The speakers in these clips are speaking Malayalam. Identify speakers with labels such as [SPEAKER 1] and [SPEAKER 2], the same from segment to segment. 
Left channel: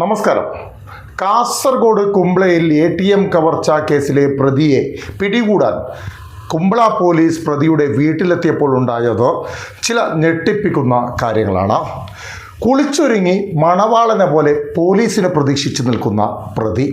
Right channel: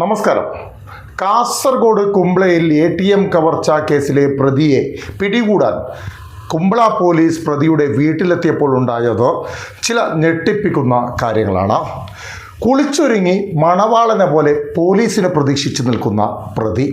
[SPEAKER 1] നമസ്കാരം. കാസർഗോഡ് കുംബ്ലയിൽ എ ടി എം കവർച്ച കേസിലെ പ്രതിയെ പിടികൂടാൻ കുമ്പള പോലീസ് പ്രതിയുടെ വീട്ടിലെത്തിയപ്പോൾ ഉണ്ടായത് ചില ഞെട്ടിപ്പിക്കുന്ന കാര്യങ്ങളാണ്. കുളിച്ചൊരുങ്ങി മണവാളനെ പോലെ പോലീസിനെ പ്രതീക്ഷിച്ചു നിൽക്കുന്ന പ്രതി.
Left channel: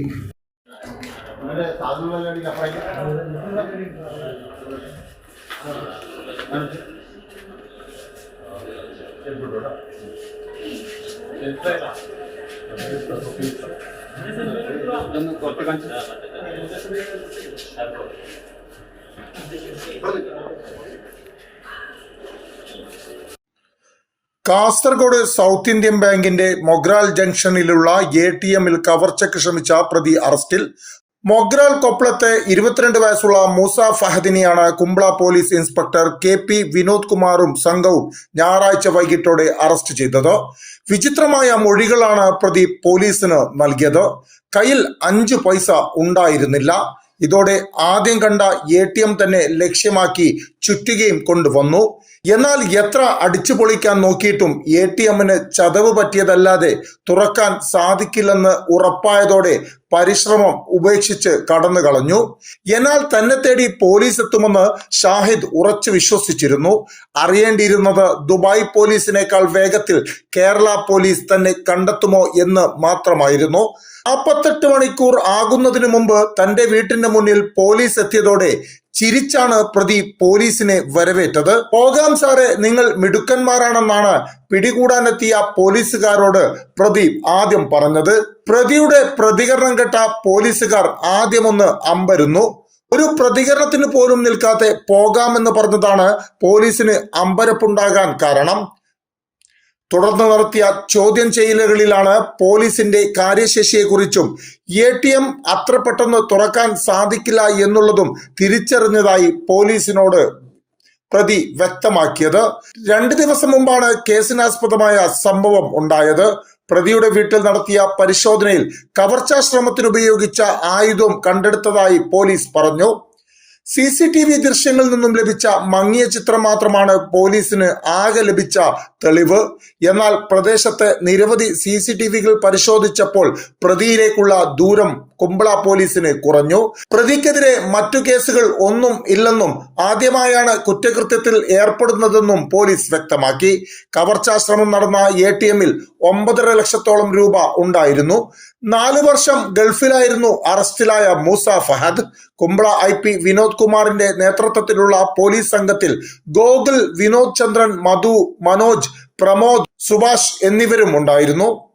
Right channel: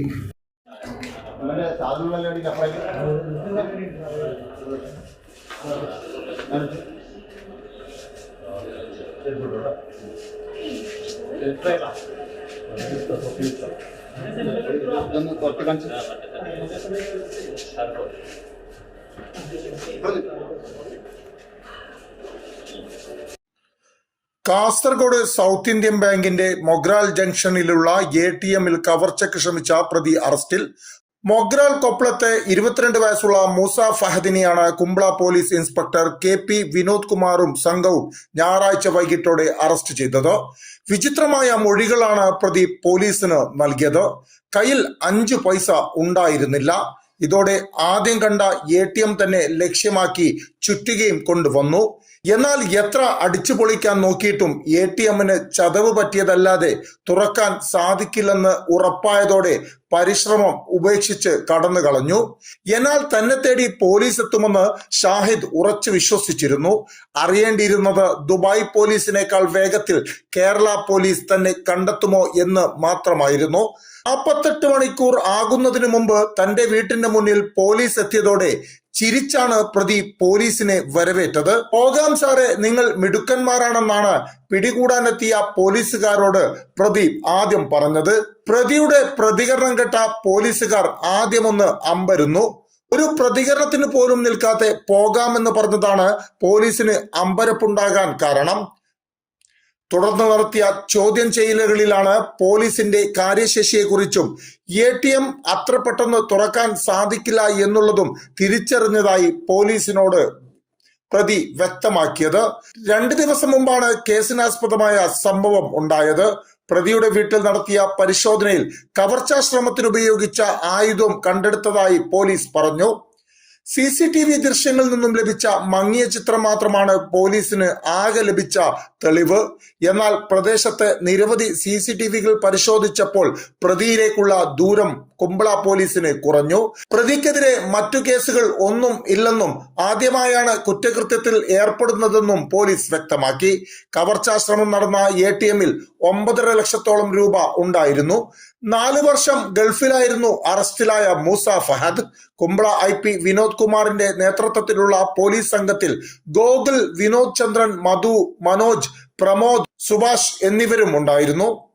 [SPEAKER 1] കാസർഗോഡ് സൗത്ത് ഇന്ത്യൻ ബാങ്കിന്റെ മൊഗ്രാൽ ജംഗ്ഷനിലുള്ള എ ടി എമ്മിൽ കവർച്ചയ്ക്ക് ശ്രമിച്ച പ്രതി അറസ്റ്റിൽ മൊഗ്രാൽ കൊപ്പളത്തെ ഇരുപത്തിരണ്ട് വയസ്സുള്ള Moosa ഫഹദിനെയാണ് Kumbla police inspector K P Vinod കുമാറും സംഘവും ഞായറാഴ്ച വൈകിട്ടോടെ അറസ്റ്റ് ചെയ്തത്. വിചിത്രമായ മൊഴികളാണ് പ്രതി പോലീസിന് നൽകിയത്. കയ്യിൽ അഞ്ചു പൈസ ഉണ്ടായിരുന്നില്ല. ഇതോടെ ആദ്യം കണ്ട എ തന്നെ ലക്ഷ്യമാക്കി ചുറ്റുകയും കൊണ്ടുവന്നു. എന്നാൽ എത്ര അടിച്ചു പൊളിക്കാൻ നോക്കിയിട്ടും എ ടി എമ്മിന് ചതവ് പറ്റിയതല്ലാതെ തുറക്കാൻ സാധിക്കില്ലെന്ന് ഉറപ്പായതോടെ പരിശ്രമം ഉപേക്ഷിച്ച് കടന്നു കളഞ്ഞു. എന്നാൽ തന്നെ തേടി പോലീസ് എത്തുമെന്ന് ഷാഹിദ് ഉറച്ചു വിശ്വസിച്ചിരുന്നു. അറിയേണ്ടിയിരുന്നത് ദുബായ് പോലീസിനേക്കാൾ വേഗത്തിൽ കേരള പോലീസ് തന്നെ കണ്ടെത്തുമോ എന്ന് മാത്രമായിരുന്നു. നാൽപ്പത്തെട്ട് മണിക്കൂർ ആകുന്നതിനു മുമ്പ് തന്റെ വീട്ടിന്റെ മുന്നിൽ പോലീസ് എത്തിയതോടെ ചിരിച്ചാണ് പ്രതി പോലീസിനെ വരവേറ്റത്. പോകാം സാറെ നിങ്ങൾ മിടുക്കന്മാരാണെന്നാണ് പിടികൂടാനെത്തിയ പോലീസുകാരോട് പ്രതി ആദ്യം പറഞ്ഞത്. പ്രതിയുടെ പ്രതികരണം കേട്ട പോലീസുകാർ ആദ്യമൊന്ന് അമ്പരുന്നു. ഒരു പ്രതികരണത്തിന് പോലും നിൽക്കാതെ പോകാമെന്ന് പറഞ്ഞതാണ് പോലീസിന് അമ്പരപ്പുണ്ടാകാൻ കാരണം. തുടർന്ന് നടത്തിയ ചോദ്യം ചെയ്യലുകളിലാണ് പോലീസിന്റെ കാര്യശേഷിയെക്കുറിച്ചും എ ടി എം അത്ര പെട്ടെന്ന് തുറക്കാൻ സാധിക്കില്ല എന്നുള്ളതും തിരിച്ചറിഞ്ഞതായി പോലീസിനോട് പ്രതി വ്യക്തമാക്കിയത്. രണ്ട് ദിവസം മുമ്പാണ് കേസിനാസ്പദമായ സംഭവം ഉണ്ടായത്. പ്രതിയുടെ വീട്ടിൽ നടത്തിയ പരിശോധനയിൽ കവർച്ചാ ശ്രമത്തിനുപയോഗിച്ച ആയുധം കണ്ടെടുത്തതായി പോലീസ് പറഞ്ഞു. സി സി ടി വി ദൃശ്യങ്ങളിൽ നിന്നും ലഭിച്ച മങ്ങിയ ചിത്രം മാത്രമാണ് പോലീസിന് ആകെ ലഭിച്ച തെളിവ്. എന്നാൽ പ്രദേശത്ത് നിരവധി സി സി ടി വികൾ പരിശോധിച്ചപ്പോൾ പ്രതിയിലേക്കുള്ള ദൂരം കുമ്പള പോലീസിന് കുറഞ്ഞു. പ്രതിക്കെതിരെ മറ്റു കേസുകൾ ഒന്നും ഇല്ലെന്നും ആദ്യമായാണ് കുറ്റകൃത്യത്തിൽ ഏർപ്പെടുന്നതെന്നും പോലീസ് വ്യക്തമാക്കി. കവർച്ചാശ്രമം നടന്ന എ ടി എമ്മിൽ ഒമ്പതര ലക്ഷത്തോളം രൂപ ഉണ്ടായിരുന്നു. നാല് വർഷം ഗൾഫിലായിരുന്നു അറസ്റ്റിലായ മൂസ ഫഹദ്. കുംബ്ല ഐ പി വിനോദ് കുമാറിന്റെ നേതൃത്വത്തിലുള്ള പോലീസ് സംഘത്തിൽ ഗോകുൽ വിനോദ് ചന്ദ്രൻ മധു മനോജ് പ്രമോദ് സുഭാഷ് എന്നിവരും ഉണ്ടായിരുന്നു.